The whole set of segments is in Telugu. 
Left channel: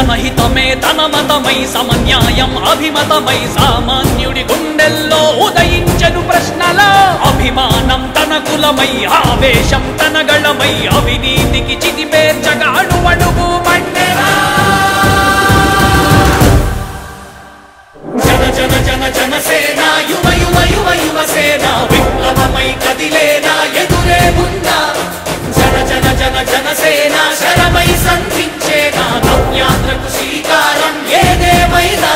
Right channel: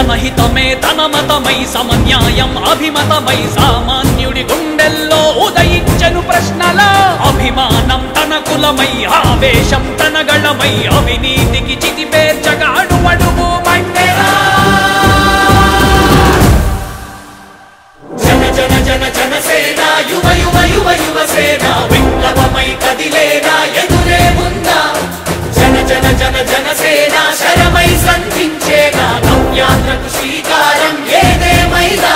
జనహితమే తన మతమై సమన్యాయం అభిమతమై సామాన్యుడి గుండెల్లో ఉదయించెను ప్రశ్నల అభిమానం తన కులమై ఆవేశం తన గళమై అవినీతికి చితిపేర్చగా అడువడుగు మండెరా జన జన జన జనసేన యువ యువ యువ యువసేన విప్లవమై కదిలేనా ఎదురే ఉందా జన జన జన జనసేన శరమై సంధించేనా నవ్యాంధ్రకు శ్రీకారం ఏదేమైనా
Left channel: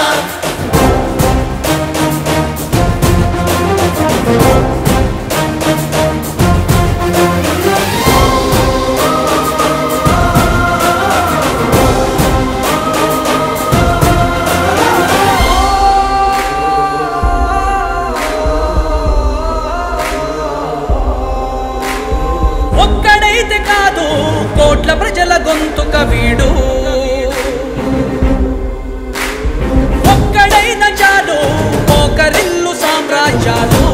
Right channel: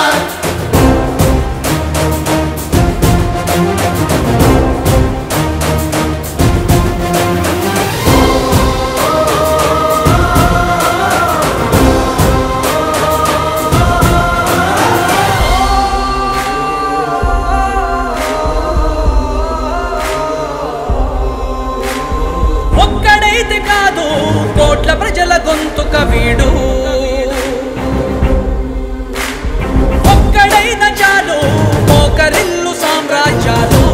ఒక్కడైతే కాదు కోట్ల ప్రజల గొంతుక వీడు ఒక్కడైన చాలు మోకరిల్లు సామ్రాజ్యాలు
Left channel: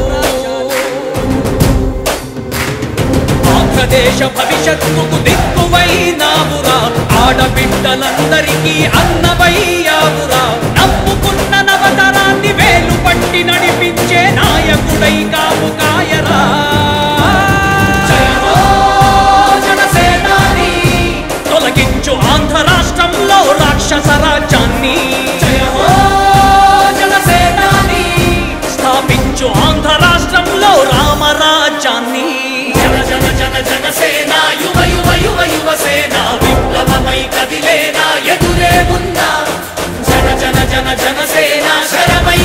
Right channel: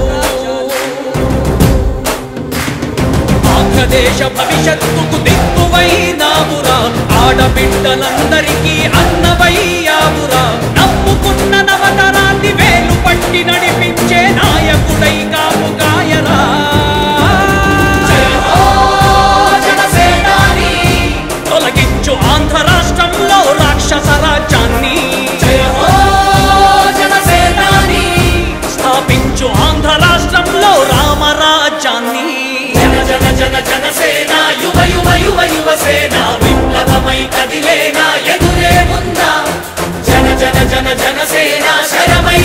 ఆంధ్రదేశ భవిష్యత్తుకు దిక్కువైనావురా ఆడబిడ్డలందరికీ అన్నవయ్యావురా నమ్ముకున్న నవతరాన్ని వేలు పట్టి నడిపించే నాయకుడై కాపు కాయరా తొలగించు ఆంధ్ర రాష్ట్రంలో రాక్షస రాజ్యాన్ని జయ హో జనసేనాని స్థాపించు ఆంధ్ర రాష్ట్రంలో రామరాజ్యాన్ని జన జన జన జనసేన యువ యువ యువ యువసేన విప్లవమై కదిలేనా ఎదురే ఉందా జన జన జన జనసేన శరమై